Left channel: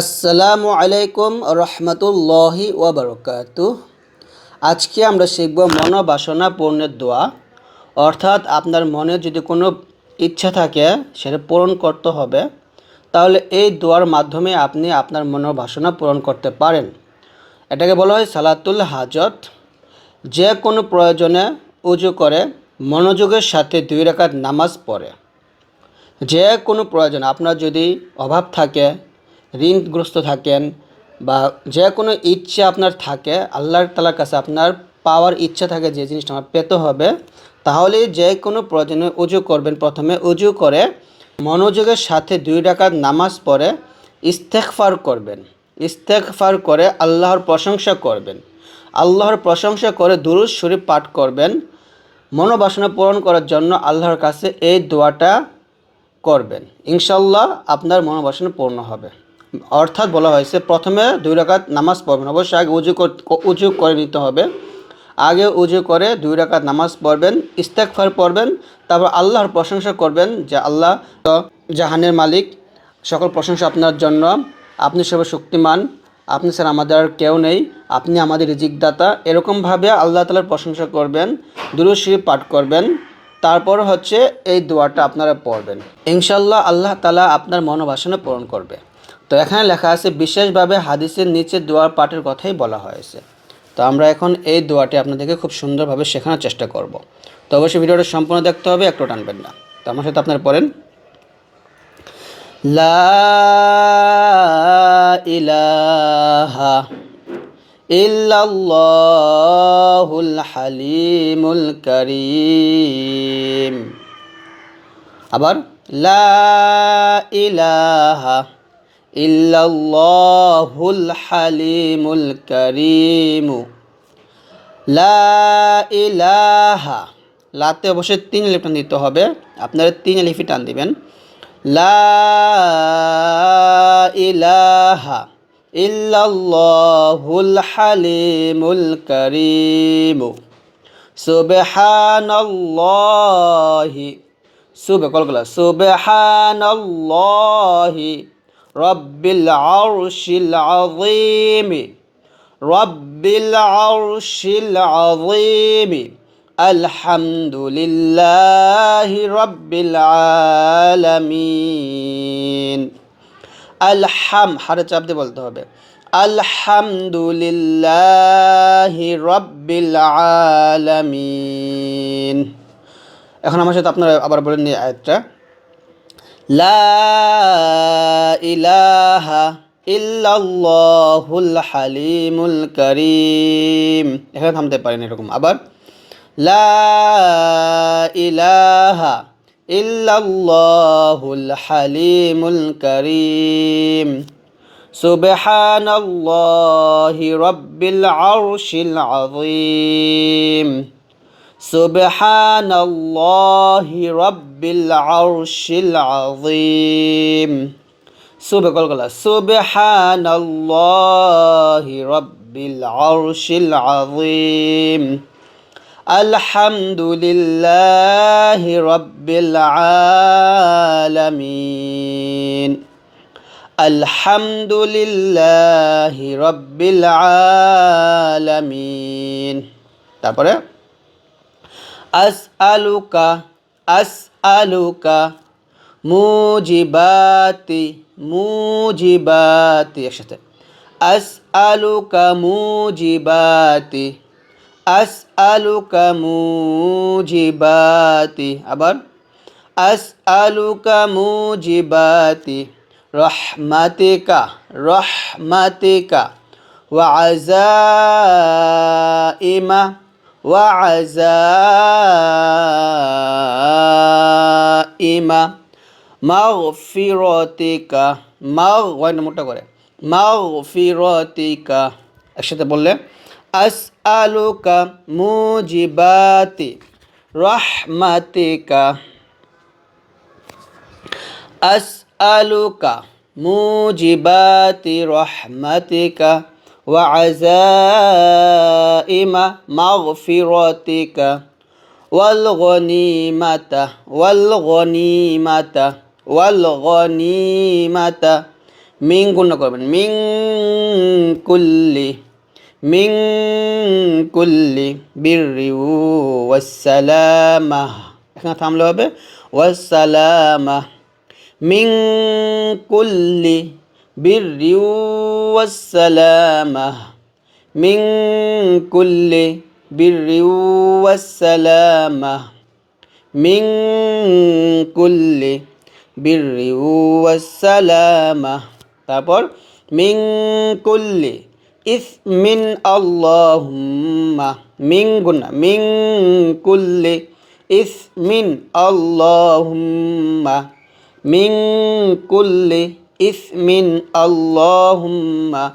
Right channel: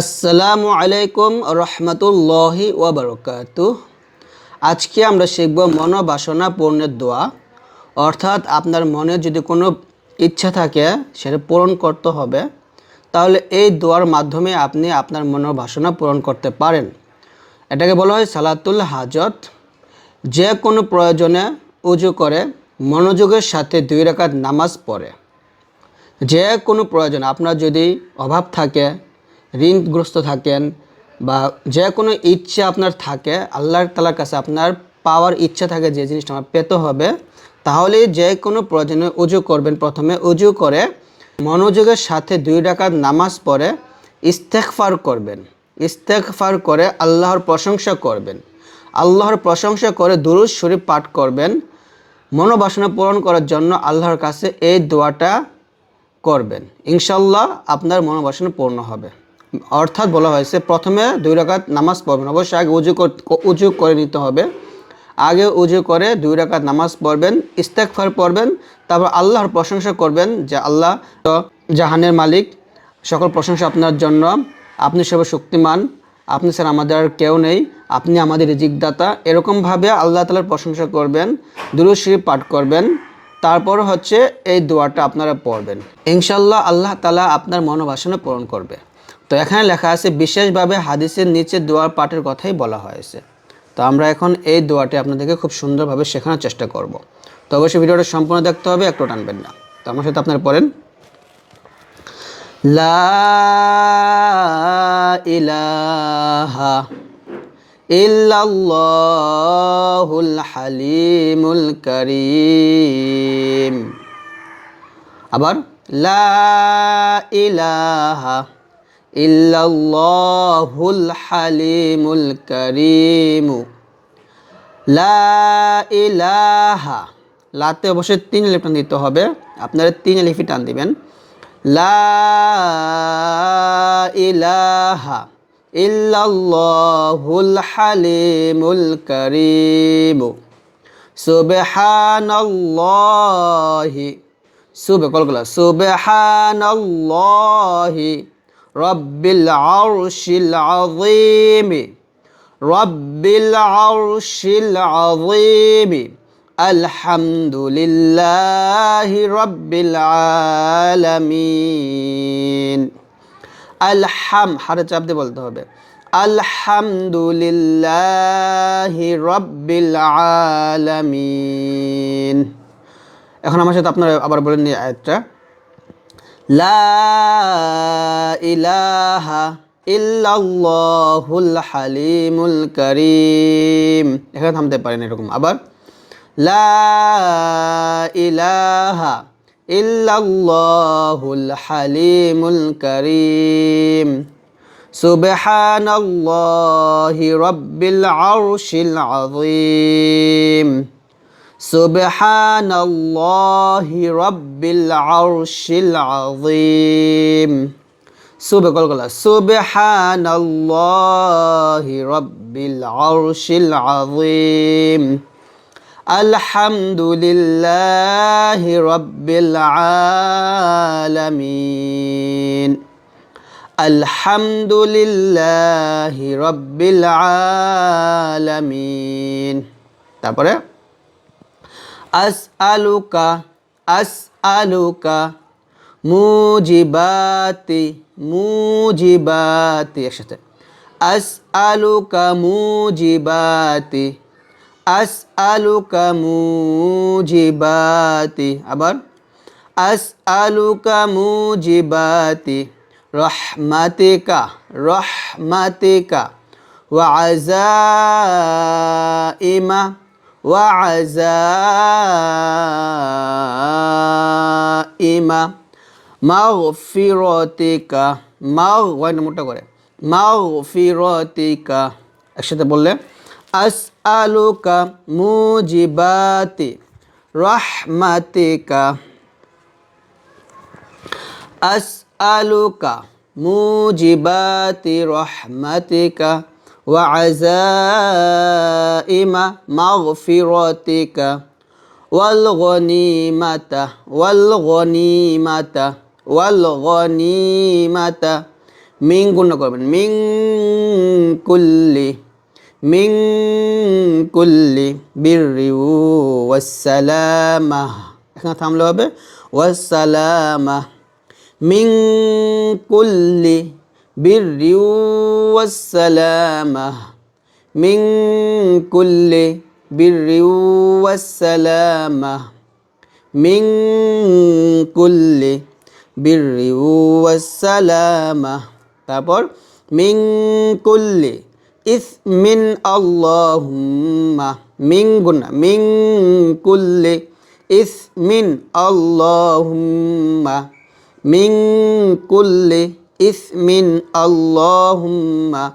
আসসালামু আলাইকুম রহমতুল্লাহি ওবরকাতু আজকে আমরা শিখব মনোবাসনা পূর্ণের দোয়া। অর্থাৎ আপনার মনে যদি কোনো ইচ্ছা থাকে, সেটা পূরণ করতে হবে। তাহলে এই দোয়ার মাধ্যমে আপনি আপনার মনোবাসনা পূরণ করতে পারেন। এটাকে বলা হয় সালাতুল হাজত। যে কোনো প্রয়োজনে উজু করে, মনোযোগের সাথে দুই রাকাত নামাজ পড়ে। যে কোনো প্রয়োজন, আপনার যদি অভাব থাকে ঋণগ্রস্ত থাকেন বা যে কোনো ইচ্ছা আপনার থাকে আল্লাহর তালার কাছে আপনার পাওয়ার ইচ্ছা থাকে, যে জিনিসটা আমার পেতে হবে তাহলে যে কোনো প্রয়োজনে উজু করবেন। প্রথমে উজু করে মনোযোগের সাথে দুই ডাকাত নামাজ পড়ে ইস্তেকফার করবেন। ইস্তেকফার করে আল্লাহর প্রশংসা করবেন। আল্লাহর প্রশংসা করে দুরুজ শরীফ পাঠ করবেন। মনোবাসনা পূরণ করার জন্য আল্লাহর কাছে এই দোয়াটা করবেন। ইনশাল্লাহ আপনার মনোবাসনা পূর্ণ হবে। অর্থাৎ বলা হয়েছে, প্রথমে দুই রাকাত নামাজ পড়বেন। অবশ্যই আগে উজু উজু করে নিতে হবে। আগে উজু করে দুই রাকাত নামাজ পড়বেন ইস্তেকফার পড়বেন, তারপর আল্লাহর প্রশংসা করবেন যে আল্লাহ জাহানের মালিক। সকল প্রশংসা আপনার জন্য। আপনি সব শক্তিমান আপনি স্যার আমাদের আর কেউ নেই। আপনি আমাদের রিজিকদাতা। এরকমভাবে আল্লাহ তালার প্রশংসা করবেন দুরুশরী পাঠ করবেন। তারপর হচ্ছে এই দোয়াটা আপনারা পড়বেন। ইনশাল্লাহ আল্লাহ তালা আপনার মনোবাসনা পূরণ করবে। তো এখানে লেখা আছে, বিশেষভাবে হাদিসের নিচে দোয়ার পাঠের কথাই বলা হয়েছে। তো আমরা এখন এই দোয়াটি আপনাদেরকে খুব সুন্দরভাবে শেখানোর চেষ্টা করব। তো অবশ্যই ভিডিওটা সম্পূর্ণ দেখতে হবে, একটু টানবেন না। তো আমার সাথে আপনারা পড়েন। লা হালিমুল করিম। আবার, লা ইলাহা ইল্লাল্লাহুল হালিমুল কারীম। লা ইলাহা। লাতে অবশ্যই তিন লিপটান দিতে হবে। আপনারা তিন লিফি টান দিবেন। লা ইলাহা ইল্লাল্লাহুল হালিমুল কারীম। সুবহানাল্লাহি। সুবে কলগুলা। সুবহানাল্লাহি। রব্বিল আরশিল আযীম, রব্বিল আরশিল আযীম, আলহামদুলিল্লাহি রব্বিল আলামিন। আলহাম হারে চাপ দিয়ে বলতে হবে। আলহামদুলিল্লাহি রব্বিল আলামিন। এখন আমার সাথে আপনারা আবার বলেন এই আয়াতটা লা ইলাহা ইল্লাল্লাহুল হালিমুল কারীম এখানে থামতে পারেন এরকম আবার লা ইলাহা ইল্লাল্লাহুল হালিমুল কারীম সুবহানাল্লাহি রব্বিল আরশিল আযীম سبحان الله رب العرش العظيم سبح قل قل سبحان الله رب العرش العظيم الحمد لله رب العالمين الحمد لله رب العالمين তারপরে আসআলুকা আসআলুকা মুজিবাতি মুজিবাতি একসাথে। আসআলুকা মুজিবাতি আসআলুকা মুজিবাতি আবার আসআলুকা মুজিবাতি রহমাতিকা রহমাতিকা ওয়া আযাইমা وعزائم مغفرتك মাগ ওয়াইন মোটা করে মাগফিরতিকা একসাথে বললে আসআলুকা মুজিবাতি রাহমাতিকা আসআলুকা মুজিবাতি রাহমাতিকা وعزائم مغفرتك والغنيمة والغنيمة والغنيمة. من كل من كل من كل بر والسلامة. إحنا تعملوا به والسلامة. من كل বিররি ওয়াসালামা মিং কুল্লি বিররি ওয়াসালামা মিং কুল্লি বিররি ওয়াসালামা তারপর মিং কুল্লি ইসমিন আল্লাহুম্মা মিং গুনা মিং কুল্লি ইসমিন আল্লাহুম্মা মিং কুল্লি إثم اللهم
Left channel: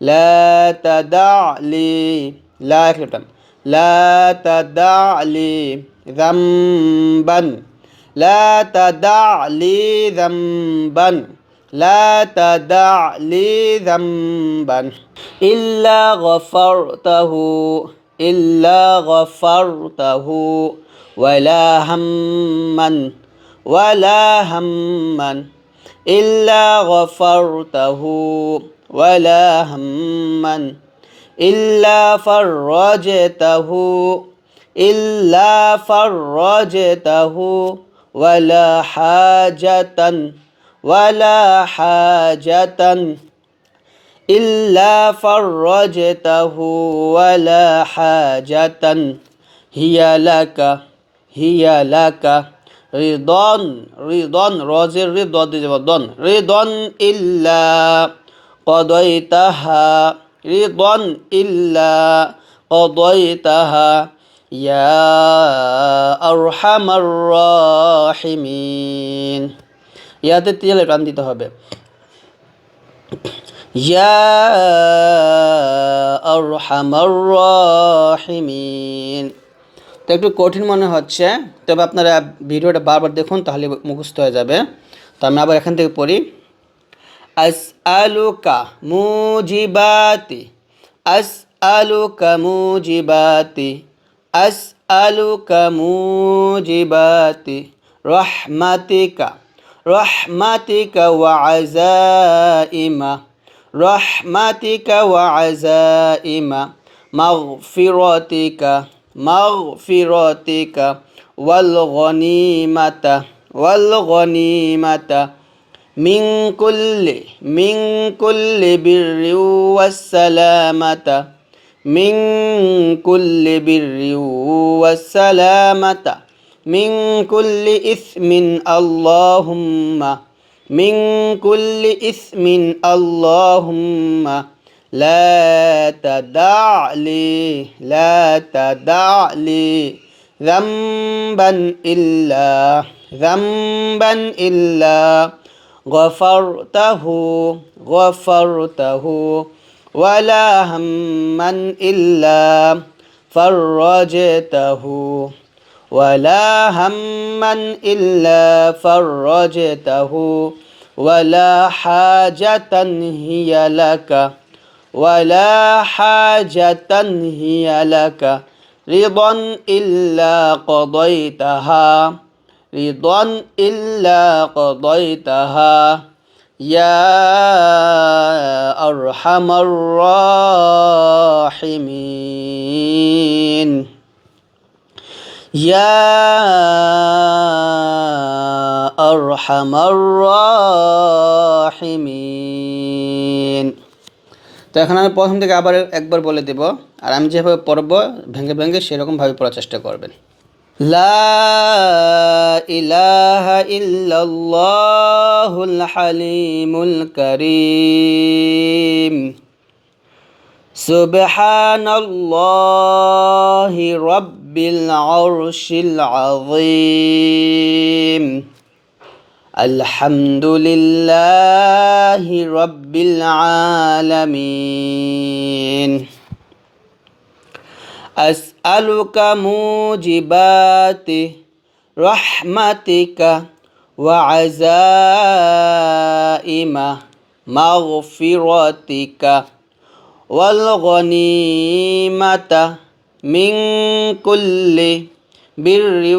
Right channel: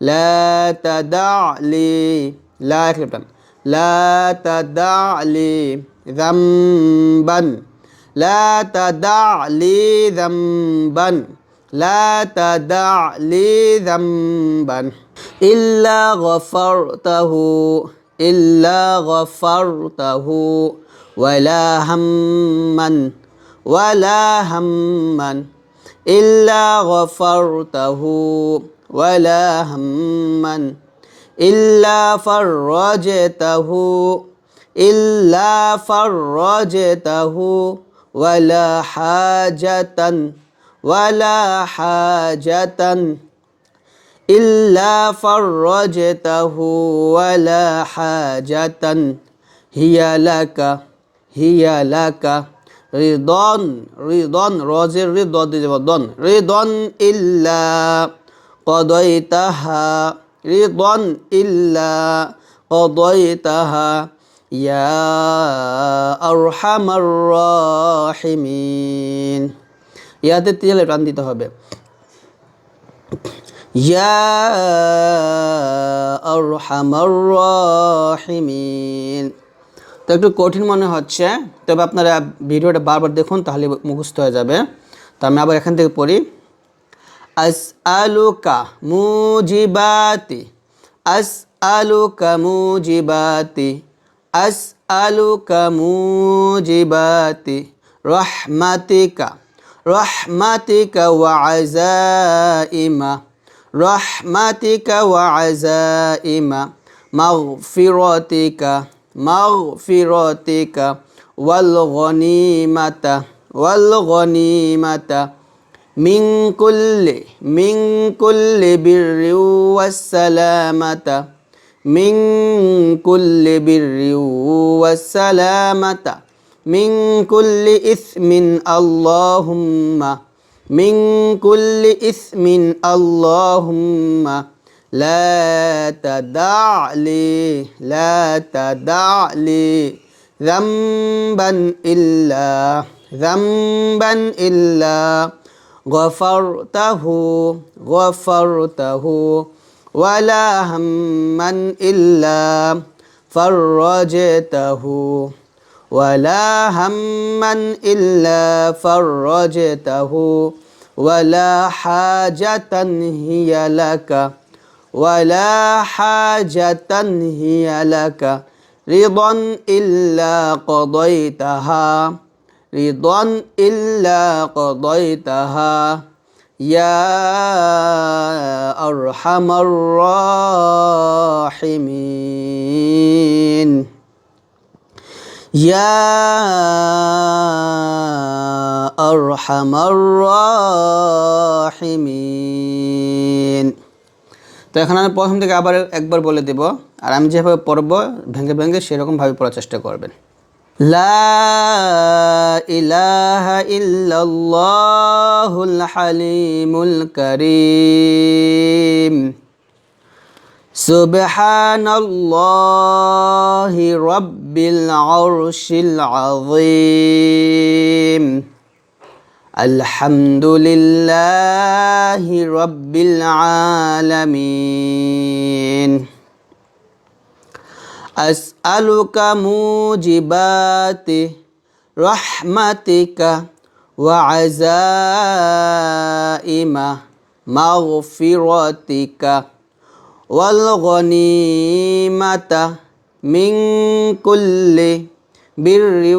لا تدع لي لا تدع لا تدع لي ذنبا لا تدع لي ذنبا لا تدع لي ذنبا. إلا غفرته إلا غفرته ولا هما ولا هما. إلا غفرته ولا هما إلا فرجته إلا فرجته ولا حاجة ولا حاجة إلا فرجته ولا حاجة. هي لك هي لك. রিদন রিদন রজের রে দ দিয়ে যাব দন রিদন ইল্লা কদয়তাহা রিদন ইল্লা কদয়তাহা ইয়া আরহামার রাহিমিন। ইয়াতে তেলে প্রাণ দিতে হবে। ইয়া আরহামার রাহিমিন। তো একটু কঠিন মনে হচ্ছে, তবে আপনারা ভিডিওটা বারবার দেখুন তাহলে মুখস্থ হয়ে যাবে। তো আমি আবার এখান থেকে পড়ি। আস আলোকা মুজিবাতি আস আলোকা মুজিবাতি আস আলোকা মুজিবাতি, রহমাতিকা রহমাতিকা ওয়া আজাইমা রহমাতিকা ওয়া আজাইমা মাগফিরাতিকা مغفرتك والغنيمة والغنيمة من كل من كل بر والسلامة. من كل بر والسلامة. من كل إثم اللهم. من كل إثم اللهم. لا تدع لي لا تدع لي ذنبا إلا ذنبا إلا. غفرته غفرته ولا هما إلا. فرجته ولا هما إلا. فرجته ولا حاجة هي لك. ولا حاجة هي لك رضا إلا قضيتها. رضا إلا قضيتها. يا أرحم الراحمين. يا أرحم الراحمين. তো এখন আমি প্রথম থেকে আবার একবার বলে দেব আর আমি যেভাবে পড়ব ভেঙে ভেঙে সেরকমভাবে পড়ার চেষ্টা করবেন লা ইলাহা ইল্লাল্লাহুল হালিমুল কারীম سبحان الله رب العرش العظيم الحمد لله رب العالمين. أسألك موجبات رحمتك وعزائم مغفرتك والغنيمة من كل بر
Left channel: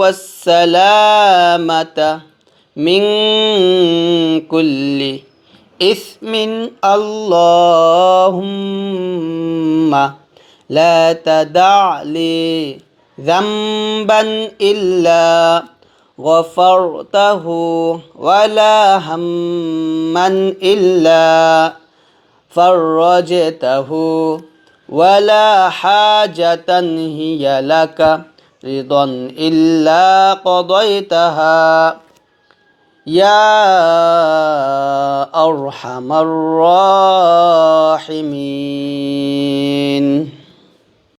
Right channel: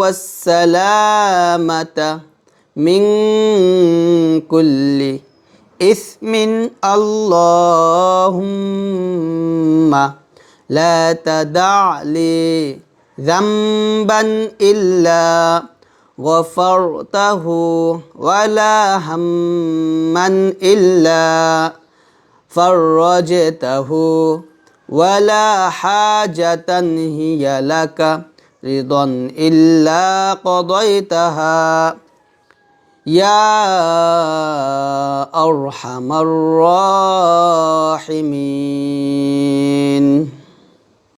والسلامة من كل إثم اللهم لا تدع لي ذنبا إلا غفرته ولا هما إلا فرجته ولا حاجة هي لك رضا إلا قضيتها يا أرحم الراحمين.